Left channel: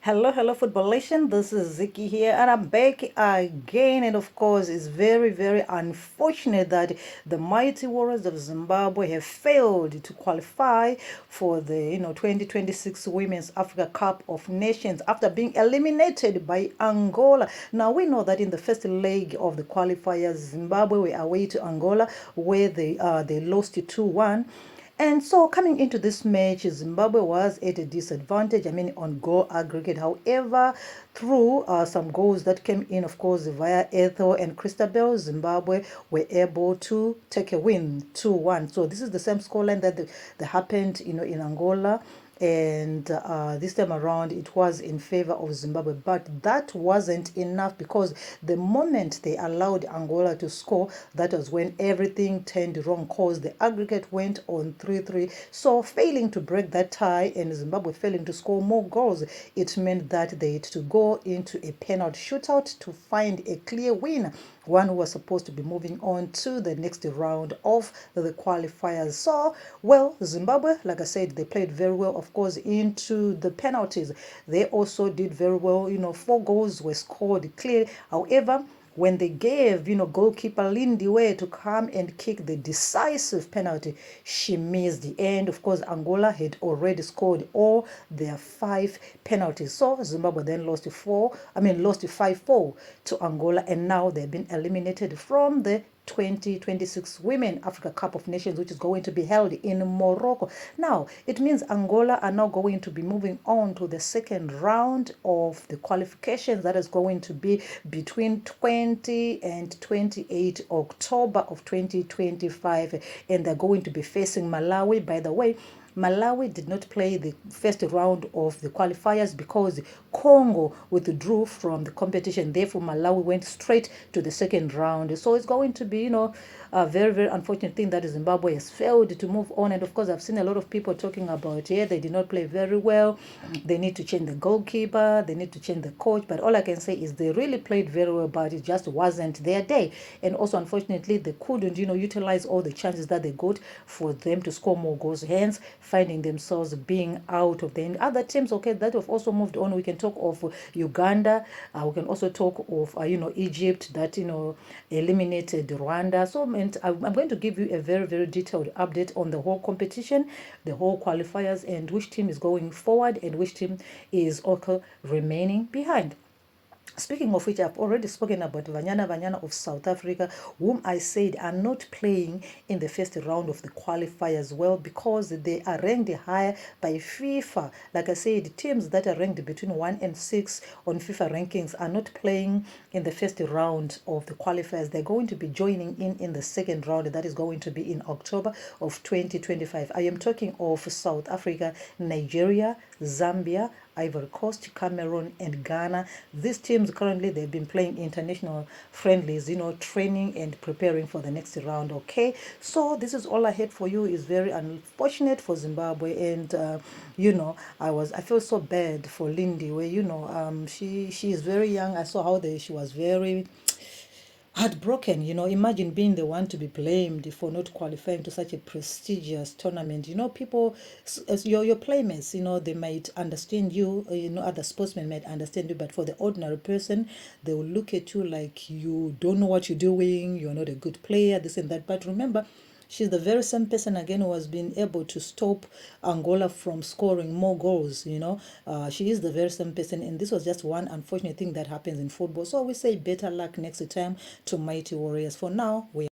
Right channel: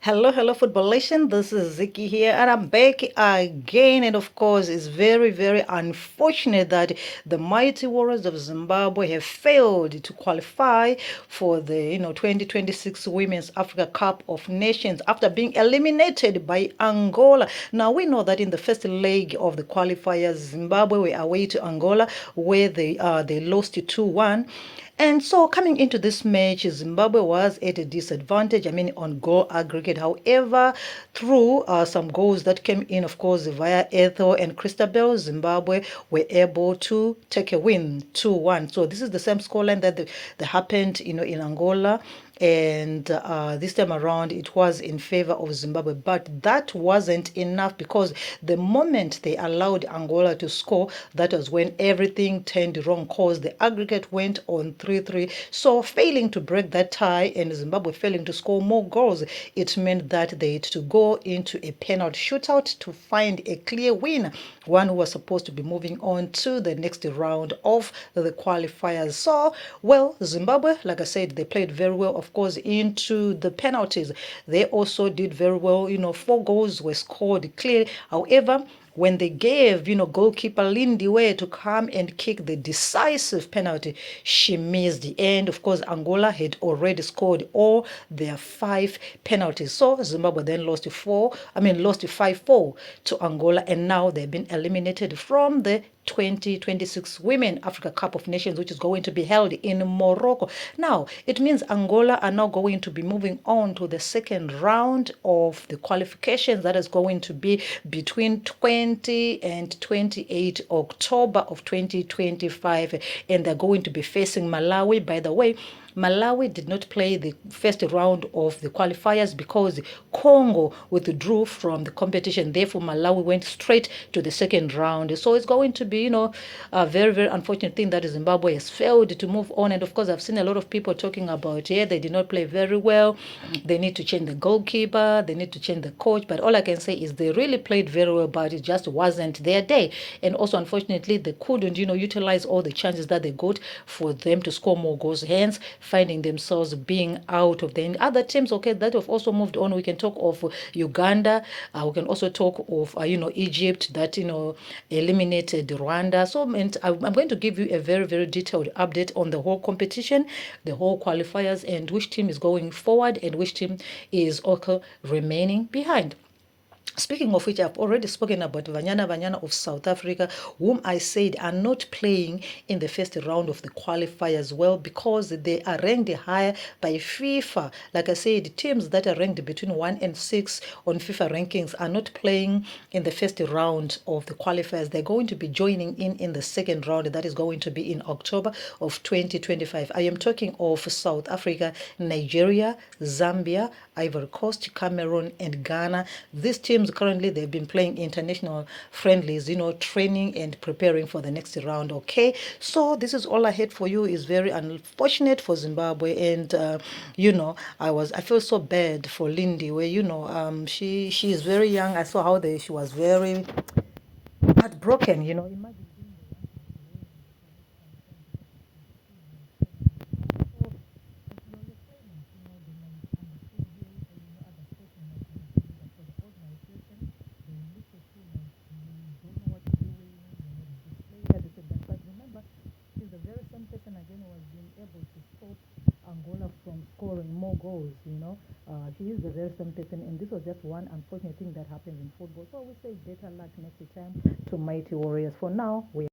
Hello, Football Nation. This is Ziki here, and I'm back again. And of course, it's very unfortunate that the mighty Warriors of Zimbabwe have failed to qualify for the 2026 Women's Africa Cup of Nations after being eliminated by Angola. Now we know that in the first leg of the qualifiers, Zimbabwe were away to Angola, where they lost 2-1. And so coming into this match, Zimbabwe was at a disadvantage, on goal aggregate. However, through some goals that came in, of course, via Ethel and Christabel, Zimbabwe were able to take a win 2-1. So this is the same scoreline that happened, in Angola. And this time around, it was in favor of Zimbabwe. But that wasn't enough because the moment they allowed Angola to score, that was when everything turned wrong because the aggregate went on 3-3. So failing to break that tie and Zimbabwe failing to score more goals, it meant that they had to go into a penalty shootout to find a clear winner, one who was supposed to be moving on to the next round of the qualifiers. So, well, Zimbabwe, like I said, they played very well, of course, into the penalties. They also did very well. 4 goals were scored clearly. However, when they gave, goalkeeper Lindiwe to come and kick the decisive penalty, she missed. And of course, Angola had already scored all their 5 penalties. So Zimbabwe then lost 5-4 to Angola, and now they've been eliminated from the 2026 Women Africa Cup of Nations, which is going to be held in Morocco. Now, it means Angola are now going to be moving on to the second round of the qualifications that is going to be between 20 and 28 October of 2025. And they're going to be facing Malawi. By the way, Malawi did not play the first round of the qualifiers because Congo withdrew from the competition. Therefore, Malawi went straight to the second round. So it's going to be, a very unfortunate thing that Zimbabwe has failed to move on. And of course, I've seen a lot of people talking about, yeah, they did not play very well. They need to change the goalkeeper. They need to change the coach. But all I can say is they really played very well, but it just wasn't their day. And also, unfortunately, they couldn't, utilize all the chances that they got for them to score more goals. Hence, finding themselves being out of the other teams, okay, that have also moved on. We can talk of Uganda. We can also talk of, Egypt that, eliminated Rwanda. So I'm going to give you a very detailed update on the whole competition, the whole qualifiers, and which team is going forward and which team is also remaining behind. Speaking of which, I've already spoken about Vanyana of South Africa, whom I said are not playing in the first round of the qualifiers well because they are ranked higher by FIFA. Like I said, teams that are ranked between 1 and 6 on FIFA rankings are not playing in the first round of the qualifiers. They're going to be joining in the second round. That is going to be in October of 2025. I am talking of South Africa, Nigeria, Zambia, Ivory Coast, Cameroon, and Ghana. These teams currently they've been playing international friendlies, training and preparing for the next round. Okay, so this is all I had for you. Is very unfortunate for Zimbabwe, and I feel so bad for Lindy, where she is very young. I saw how she was very heartbroken. Imagine being the one to be blamed for not qualifying to such a prestigious tournament. People, as your playmates, they might understand you, other sportsmen might understand you, but for the ordinary person, they will look at you like you don't know what you're doing, you're not a good player, this and that. But remember, she's the very same person again who has been able to stop Angola from scoring more goals. She is the very same person, and this was just one unfortunate thing that happens in football. So we say better luck next time to Mighty Warriors. For now, we